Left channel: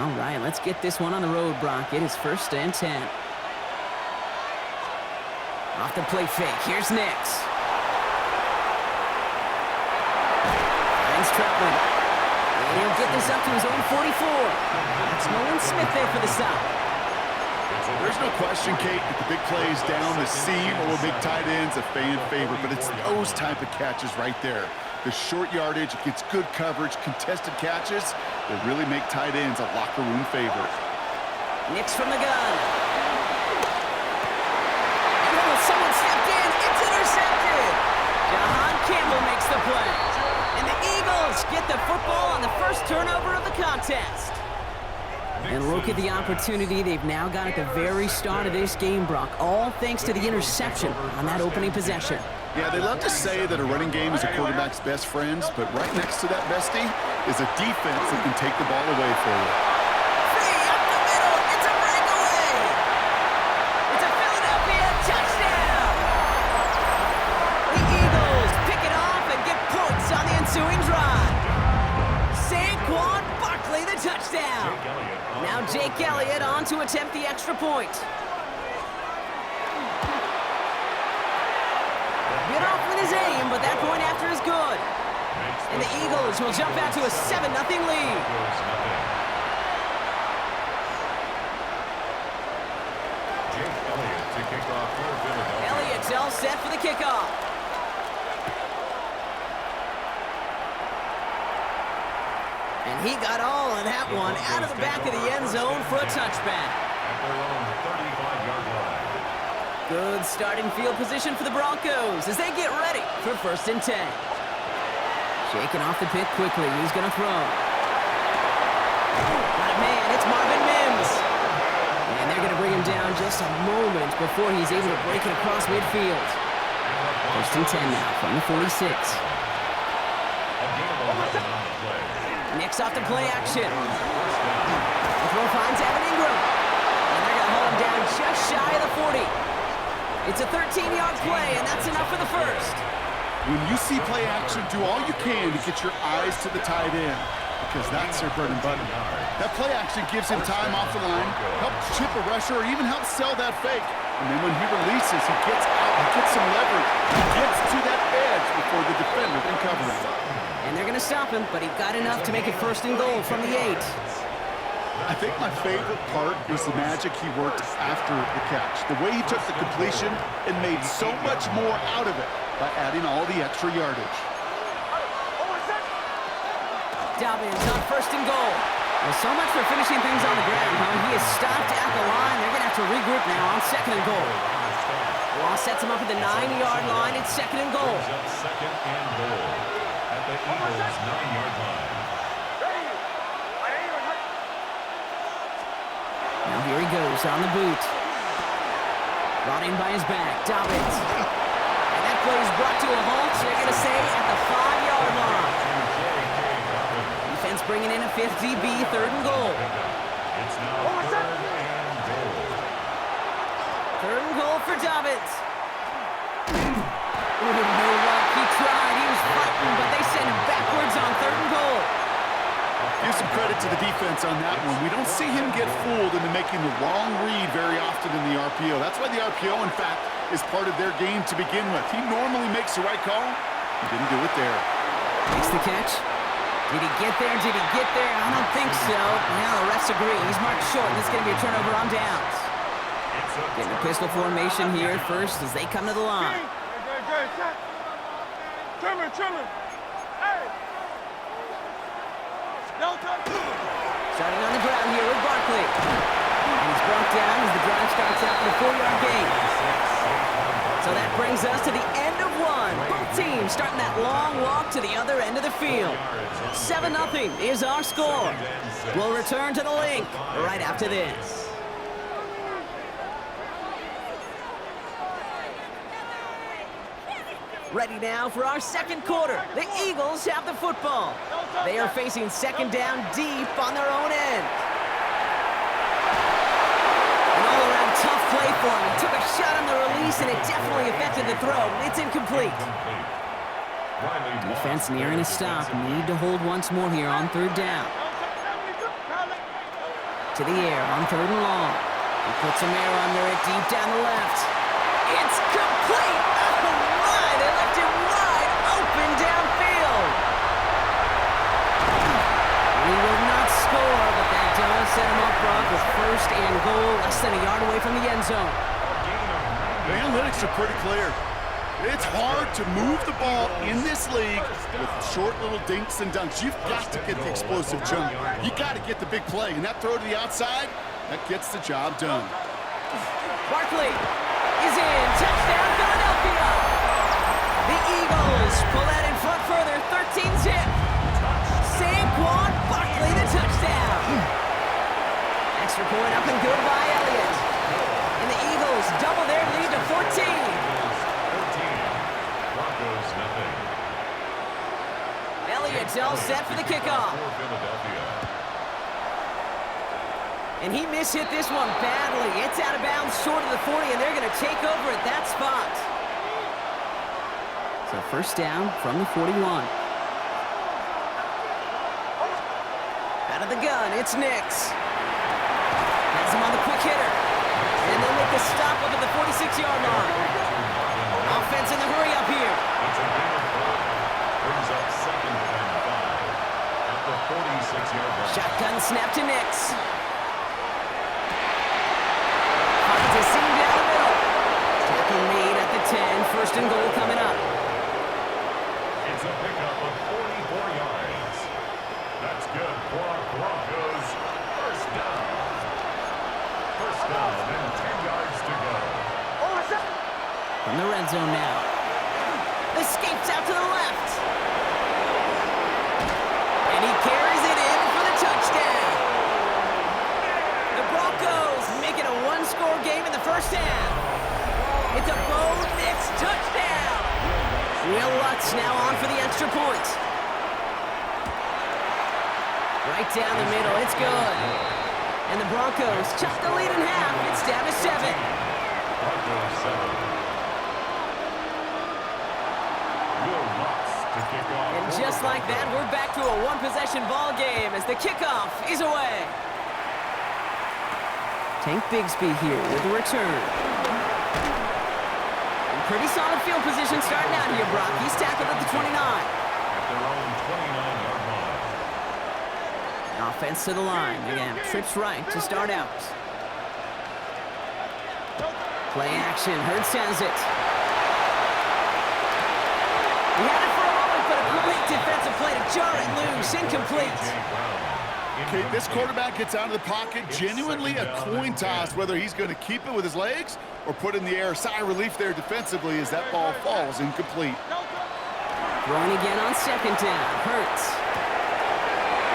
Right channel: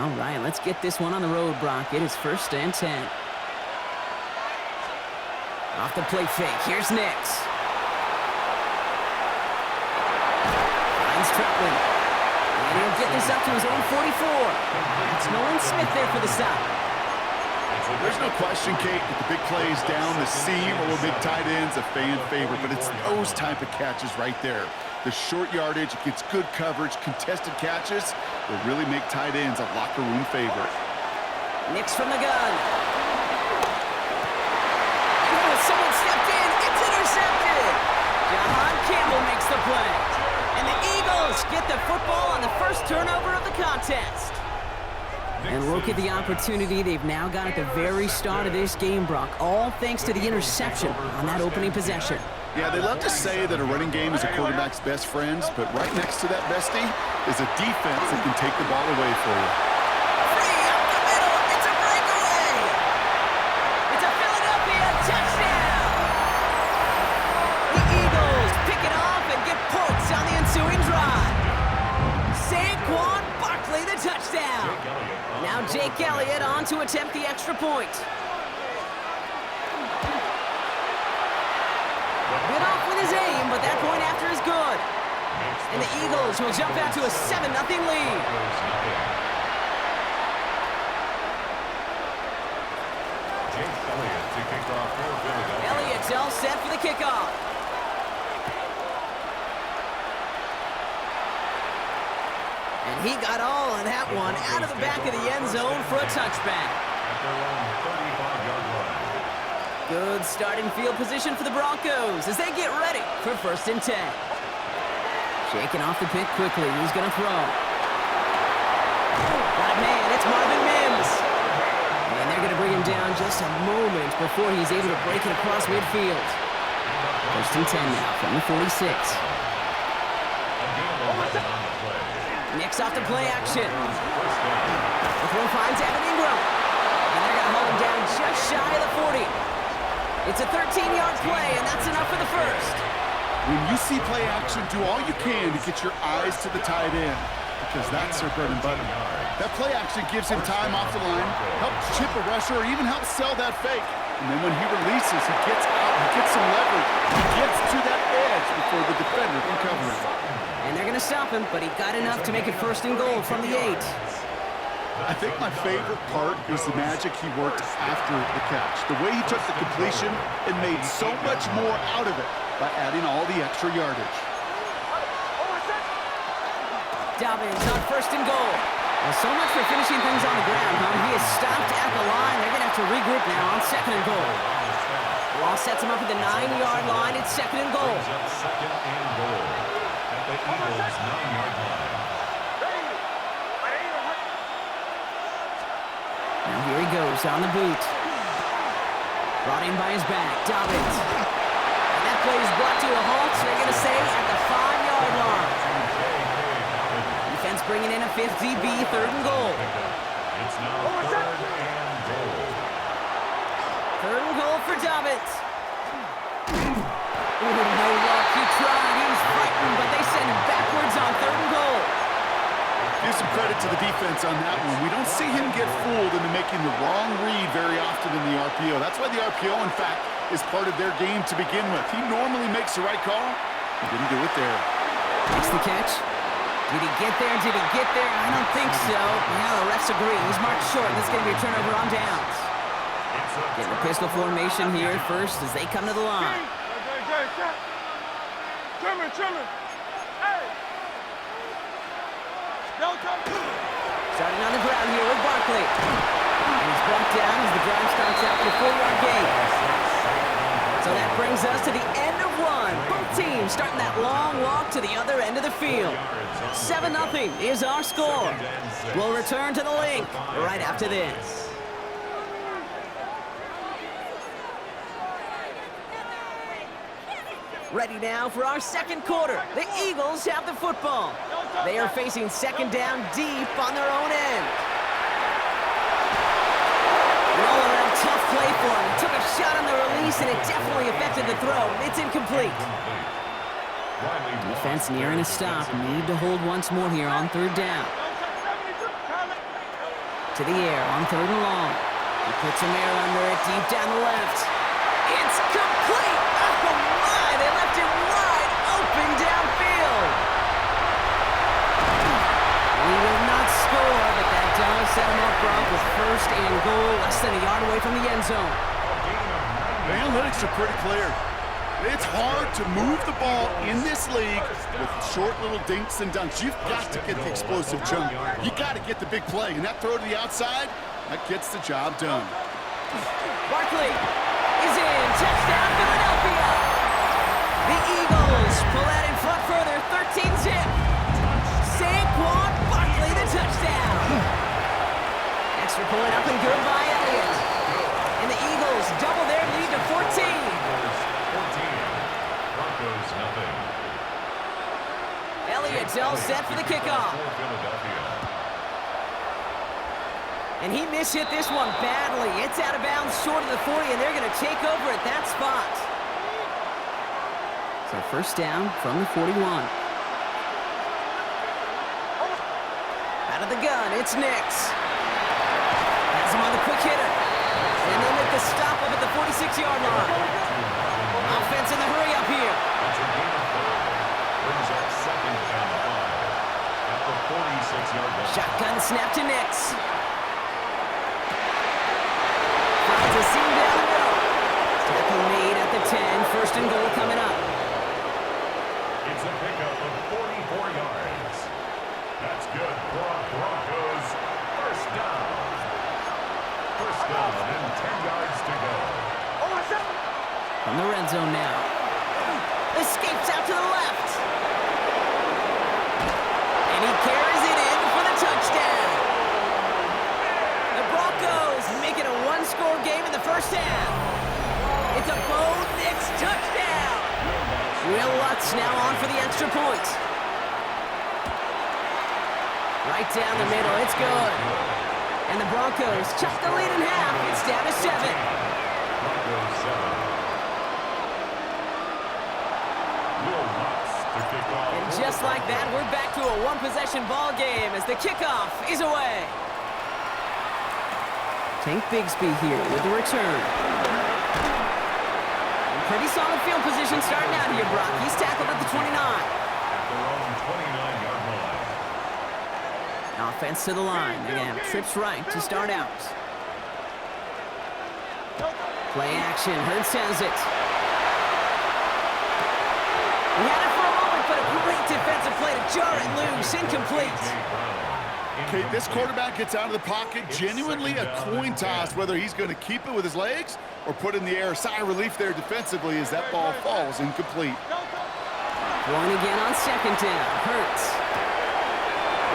All right, let's get this one on the road, Brock. It is 1st and 10. Off the play fake. Here's Nix. Finds Troutman. And he'll get this up to his own 44. That's Nolan Smith there for the stop. There's no question, Kate, that the big plays down the seam or will make tight ends a fan favorite, but it's those type of catches right there. The short yardage, it gets good coverage, contested catches will really make tight ends a locker room favorite. Nix from the gun. Oh, someone stepped in. It's intercepted. Jahan Campbell makes the play. And the Eagles get the football on the first turnover of the contest. And look at the opportunity they've now got at the very start of this game, Brock. All thanks to the interception on that opening possession. Yeah, they love to say that a running game is a quarterback's best friends, but right next to that bestie is a defense that can take the ball away for you. Free up the middle. It's a breakaway. It's a Philadelphia touchdown. The Eagles pick it off and get points on the ensuing drive. Saquon Barkley, the touchdown. Now Jake Elliott on to attempt the extra point. Bit off with his aim, but that point after is good. And the Eagles will jump out to a 7-0 lead. Jake Elliott to kick off for Philadelphia. Elliott's all set for the kickoff. And he got all of that one out of the back of the end zone for a touchback. At their own 35-yard line. Good starting field position for the Broncos as they get ready for 1st and 10. Shaking off the pick quickly. He's going to throw. Got a man. It's Marvin Mims. And they're going to bring him down just a moment before he's able to break it across midfield. 1st and 10 now from the 46. Nix off the play action. The throw finds Evan Ingram. And they're going to hold him down just shy of the 40. It's a 13-yard play, and that's enough for the first. When you see play action, do all you can to get your eyes to the tight end, because that's their bread and butter. That play action gives him time off the line, helps chip a rusher, or even helps sell that fake. And then when he releases, he gets out, he gets some leverage, he gets to that edge before the defender can cover him. And they're going to stop him, but he got enough to make it 1st and goal from the 8. I think my favorite part was the magic he worked after the catch. The way he took the completion and made so much more out of it by adding all the extra yardage. Dobbins on 1st and goal. Well, so much for finishing things on the ground, huh? He is stopped at the line. They're going to have to regroup now on 2nd and goal. Law sets him up at the 9-yard line. It's 2nd and goal. 2nd and goal at the Eagles' 9-yard line. Now here he goes on the boot. Brought in by his back, Dobbins. And that play is brought to a halt, so they're going to say at the 5-yard line. Defense bringing in a 5th DB, 3rd and goal. It's now 3rd and goal. 3rd and goal for Dobbins. Ooh, no luck. He tried. He was frightened, but they send him backwards on 3rd and goal. Give some credit to the defense on that one. We don't see him get fooled into making the wrong read very often in the RPO. That's why the RPO, in fact, is part of their game to begin with. He normally makes the right call. He didn't do it there. Makes the catch. Did he get there? Did he get there? I don't think so. Now the refs agree. He's marked short. This is going to be a turnover on downs. Getting a pistol formation here first as they come to the line. Starting on the ground here with Barkley. And he's brought down as the drive starts out with a 4-yard gain. So that brings us to the end of one. Both teams starting that long walk to the other end of the field. 7-0 is our score. We'll return to the link right after this. Ready now for our 2nd quarter. The Eagles have the football. They are facing 2nd down deep on their own end. An all-around tough play for him. He took a shot on the release, and it definitely affected the throw. It's incomplete. Defense nearing a stop. Need to hold once more here on 3rd down. To the air on 3rd and long. He puts some air under it deep down the left. It's complete! Oh my! They left it wide open downfield. And he will not score, but that does set him up, Brock, with 1st and goal, less than a yard away from the end zone. The analytics are pretty clear. It's hard to move the ball in this league with short little dinks and dunks. You've got to get the explosive jump. You got to get the big play, and that throw to the outside, that gets the job done. Barkley is in. Touchdown, Philadelphia. The Eagles pull out in front further, 13-zip. Saquon Barkley, the touchdown. Extra point up and good by Elliott. And the Eagles double their lead to 14. Broncos nothing. Elliott's all set for the kickoff. And he mishit this one badly. It's out of bounds short of the 40, and they're going to take over at that spot. So 1st down from the 41. Out of the gun, it's Nix. Has him on the quick hitter. And they'll make the stop up at the 46-yard line. Offense in the hurry up here. It's a gain of 5. Brings up 2nd and 5 at the 46-yard line. Shotgun snap to Nix. Finds a seam down the middle. Tackle made at the 10. 1st and goal coming up. It's a pickup of 44 yards. That's good for a Broncos 1st down. 1st down and 10 yards to go. From the red zone now. Escapes out to the left. And he carries it in for the touchdown. The Broncos make it a 1-score game in the 1st half. It's a Bo Nix touchdown. Will Lutz now on for the extra point. Right down the middle, it's good. And the Broncos chop the lead in half. It's down to 7. Broncos 7. To kick off. And just like that, we're back to a 1-possession ball game as the kickoff is away. Tank Bigsby here with the return. And pretty solid field position starting out here, Brock. He's tackled at the 29. At their own 29-yard line. Offense to the line. Again, trips right to start out. Play action. Hurts has it. He had it for a moment, but a great defensive play to jar it loose. Incomplete. Okay, this quarterback gets out of the pocket. Genuinely a coin toss whether he's going to keep it with his legs or put it in the air. Sigh of relief there defensively as that ball falls incomplete. Throwing again on 2nd down. Hurts.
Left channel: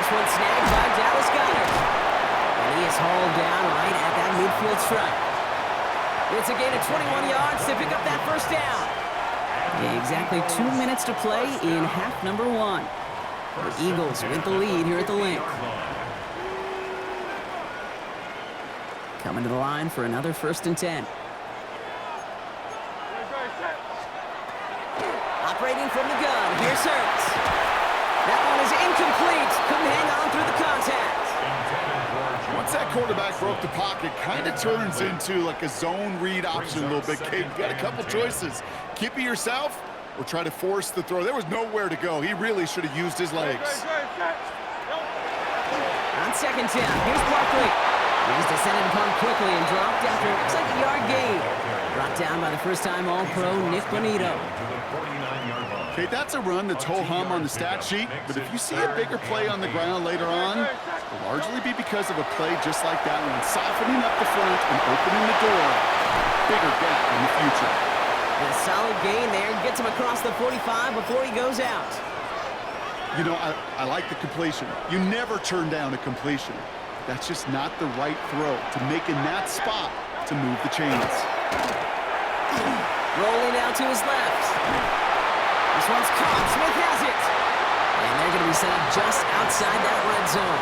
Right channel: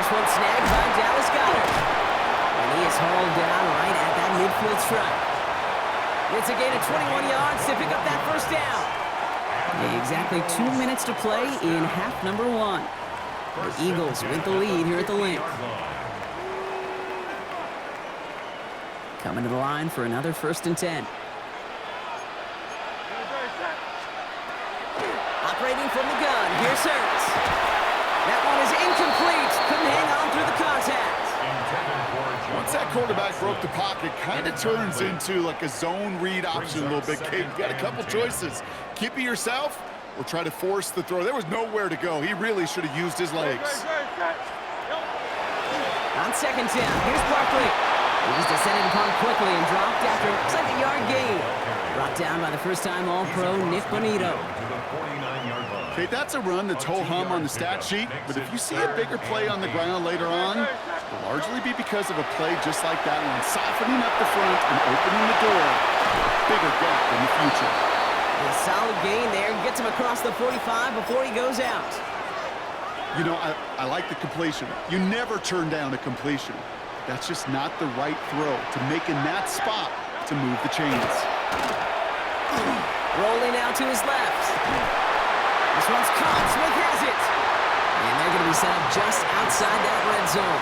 This one snagged by Dallas Goedert. And he is hauled down right at that midfield stripe. It's a gain of 21 yards to pick up that 1st down. Exactly 2 minutes to play in half number 1. The Eagles with the lead here at the link. Coming to the line for another 1st and 10. Operating from the gun, here's Hurts. That one is incomplete. Couldn't hang on through the contact. Once that quarterback broke the pocket, kind of turns into like a zone read option a little bit. Kate, you got a couple choices. Keep it yourself or try to force the throw. There was nowhere to go. He really should have used his legs. On 2nd down, here's Barkley. He's descended upon quickly and dropped after it looks like a yard gain. Brought down by the first-time All-Pro Nick Bonito. Okay, that's a run that's ho-hum on the stat sheet, but if you see a bigger play on the ground later on, it'll largely be because of a play just like that one, softening up the front and opening the door for a bigger gap in the future. A solid gain there, gets him across the 45 before he goes out. You know, I like the completion. You never turn down a completion. That's just not the right throw to make in that spot to move the chains. Rolling out to his left. This one's caught. Smith has it. And they're going to be set up just outside that red zone.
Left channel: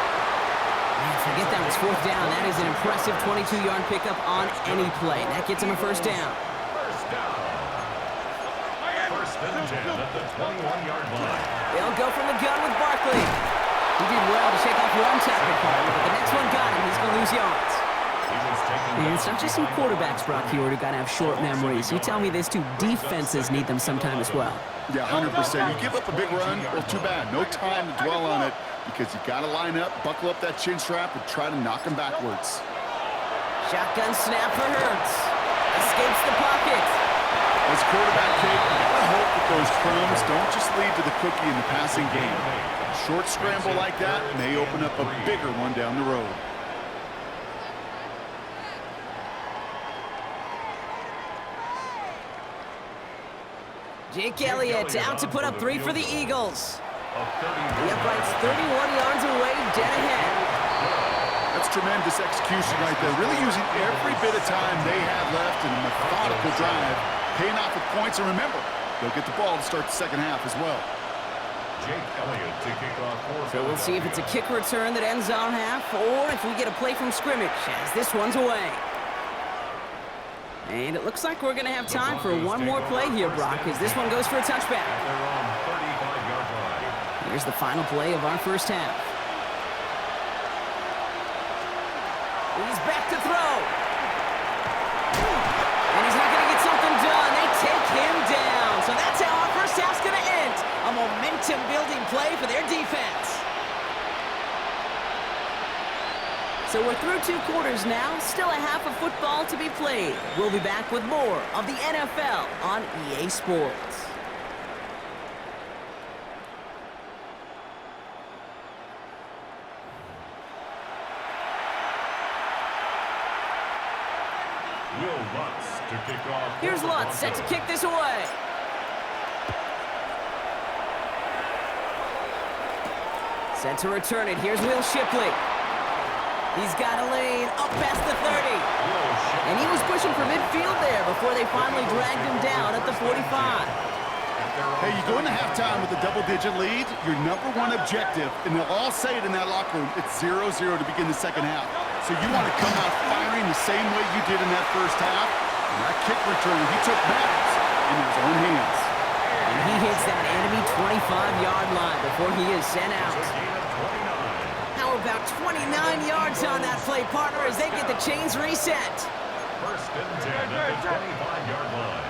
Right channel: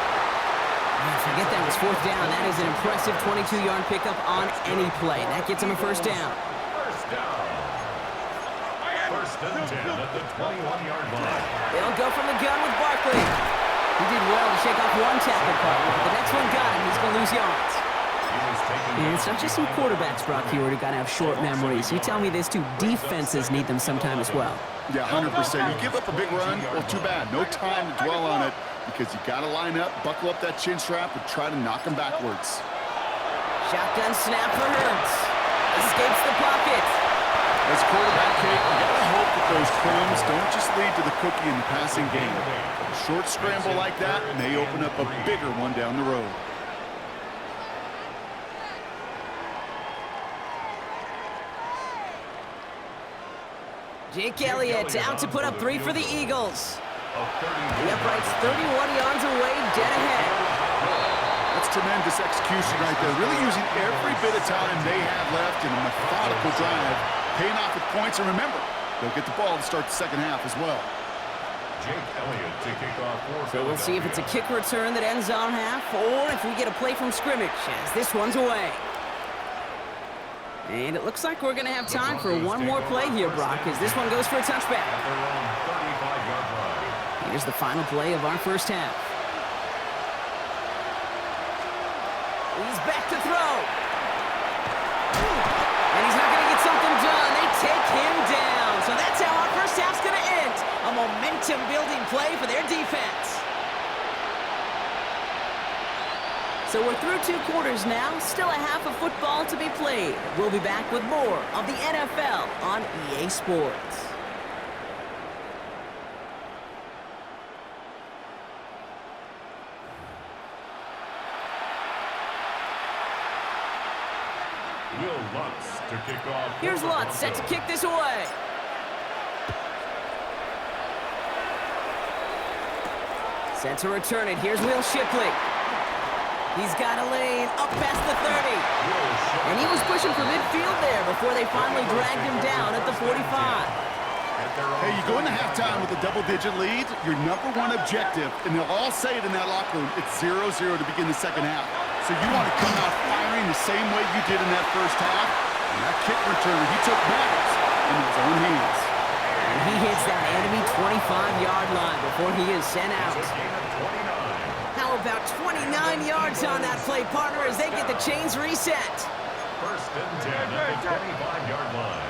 Man, forget that was 4th down. That is an impressive 22-yard pickup on any play. That gets him a 1st down. 1st down. 1st and 10 at the 21-yard line. They'll go from the gun with Barkley. He did well to shake off one tackle partner, but the next one got him. He's going to lose yards. And it's not just some quarterbacks, Brock, here who got to have short memories. You tell me this too, defenses need them sometime as well. Yeah, 100%. You give up a big run, well, too bad. No time to dwell on it because you got to line up, buckle up that chin strap, and try to knock him backwards. Shotgun snap for Hurts. Escapes the pocket. As a quarterback, Kate, you got to hope that those crumbs don't just lead to the cookie in the passing game. A short scramble like that may open up a bigger one down the road. Jake Elliott out to put up 3 for the Eagles. The upright's 31 yards away, dead ahead. That's tremendous execution right there. Really using every bit of time they have left in a methodical drive, paying off with points. And remember, they'll get the ball to start the second half as well. Jake Elliott to kick off for So we'll see if it's a kick return that ends on half, or if we get a play from scrimmage, as this one's away. And it looks like we're going to have time for one more play here, Brock, as this one goes for a touchback. At their own 35-yard line. Here's the final play of our first half. He's back to throw. And he's not going to get something done. They take him down. So that's how our first half's going to end. A momentum-building play for their defense. So we're through 2 quarters now. Still a half of football to be played. We'll be back with more of the NFL on EA Sports. Will Lutz to kick off. Here's Lutz set to kick this away. Set to return it. Here's Will Shipley. He's got a lane up past the 30. And he was pushing for midfield there before they finally dragged him down at the 45. Hey, you go into halftime with a double-digit lead, your #1 objective, and they'll all say it in that locker room, it's 0-0 to begin the second half. So you want to come out firing the same way you did in that first half. And that kick return, he took matters into his own hands. And he hits that enemy 25-yard line before he is sent out. How about 29 yards on that play, partner, as they get the chains reset? First and 10 at the 25-yard line.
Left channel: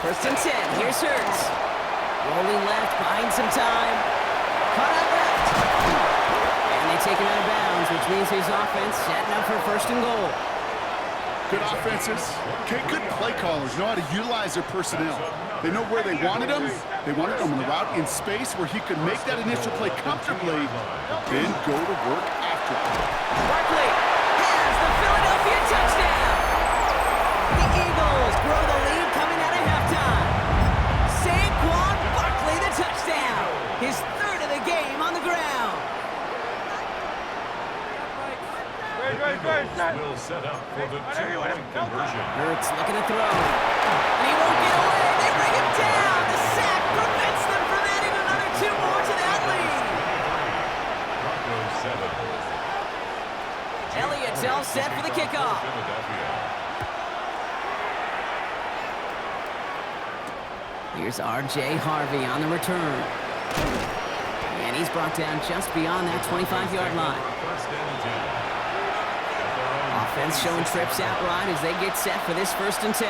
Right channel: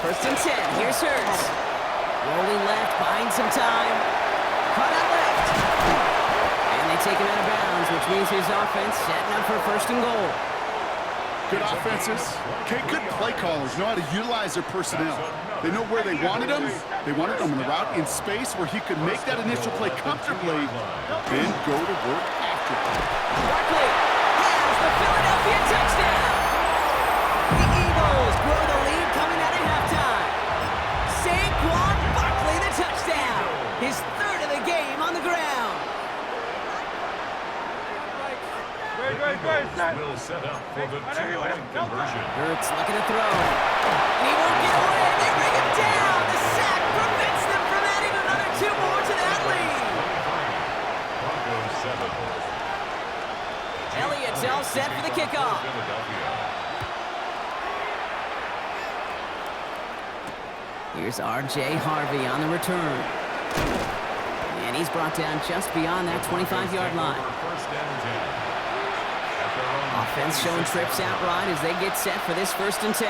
First and 10, here's Hurts. Rolling left, buying some time. Cut out left. And they take him out of bounds, which means his offense setting up for first and goal. Good offenses. Okay, good play callers know how to utilize their personnel. They know where they wanted them. They wanted them on the route in space where he could make that initial play comfortably, then go to work after it. Barkley has the Philadelphia touchdown. The Eagles grow the lead coming out of halftime. Saquon Barkley the touchdown. His 3rd of the game on the ground. Will set up for the 2-point conversion. Hurts looking to throw. And he won't get away. They bring him down. The sack prevents them from adding another 2 more to that lead. 23, Broncos 7. Elliott's all set for the kickoff. Here's R.J. Harvey on the return. And he's brought down just beyond that 25-yard line. First and 10. Offense showing trips out right as they get set for this 1st and 10.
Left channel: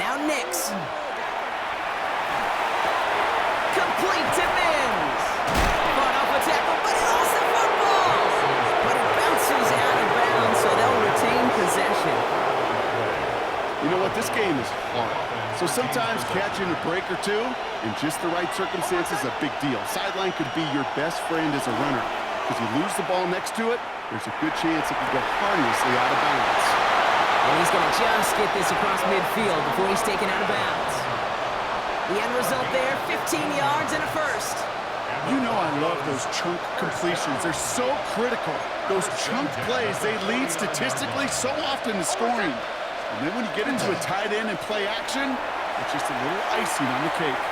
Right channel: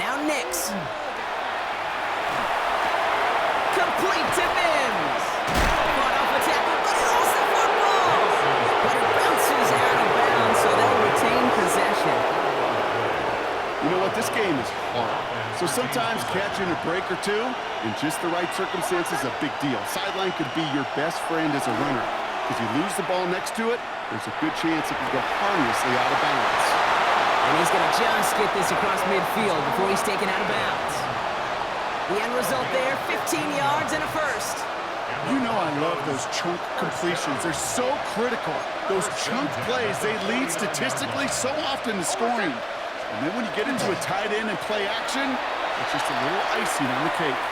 Now Nix. Complete to Mims. Fought off a tackle, but he lost the football. But it bounces out of bounds, so they'll retain possession. You know what? This game is hard. So sometimes catching a break or two in just the right circumstances is a big deal. Sideline could be your best friend as a runner. Because you lose the ball next to it, there's a good chance it could go harmlessly out of bounds. And he's going to just get this across midfield before he's taken out of bounds. The end result there, 15 yards and a first. You know I love those chunk completions. They're so critical. Those chunk plays, they lead statistically so often to scoring. And then when you get into a tight end and play action, it's just a little icing on the cake.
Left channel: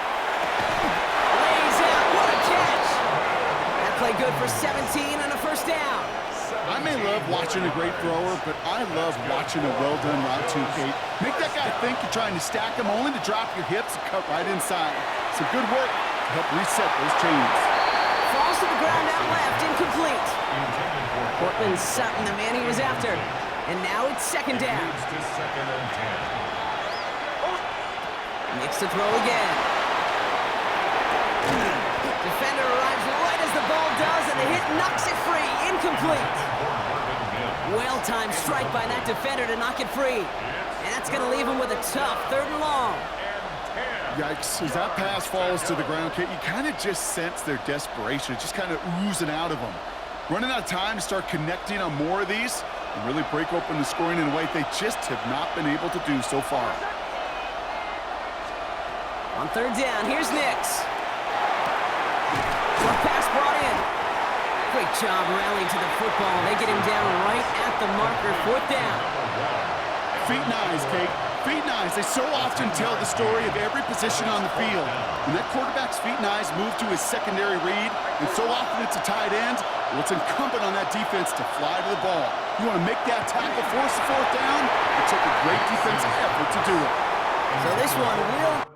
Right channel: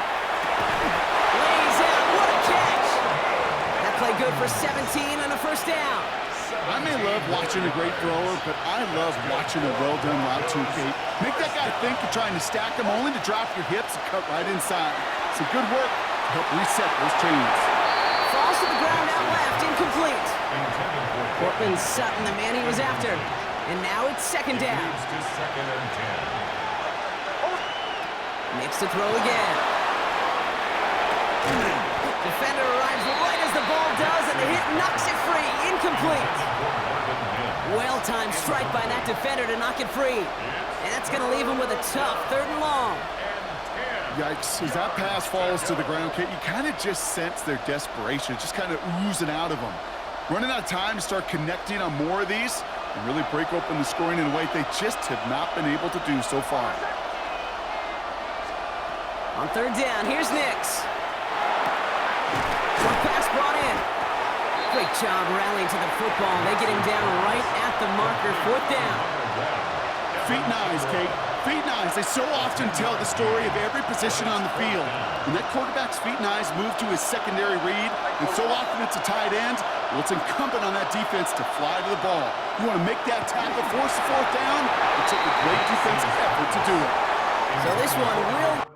Lays out, what a catch! That play good for 17 and a first down. I may love watching a great thrower, but I love watching a well-done route too, Kate. Make that guy think you're trying to stack him only to drop your hips and cut right inside. Some good work, to help reset those chains. Falls to the ground out left, incomplete. Cortland Sutton, the man he was after. And now it's second down. To second and 10. Makes the throw again. Defender arrives right as the ball does, and the hit knocks it free. Incomplete. Well-timed strike by that defender to knock it free. And that's going to leave him with a tough 3rd and long. Yikes, as that pass falls to the ground, Kate, you kind of just sense their desperation. It's just kind of oozing out of them. Running out of time to start connecting on more of these and really break open the scoring in a way they just have not been able to do so far. On 3rd down, here's Nix. Short pass brought in. Great job rallying to the football. They get him down right at the marker. 4th down. Feet and eyes, Kate. Feet and eyes. They so often tell the story of every position on the field. When that quarterback's feet and eyes move to his secondary read, and so often it's a tight end, well, it's incumbent on that defense to fly to the ball. You want to make that tackle, force the 4th down? It took a great defensive effort to do it. So this one will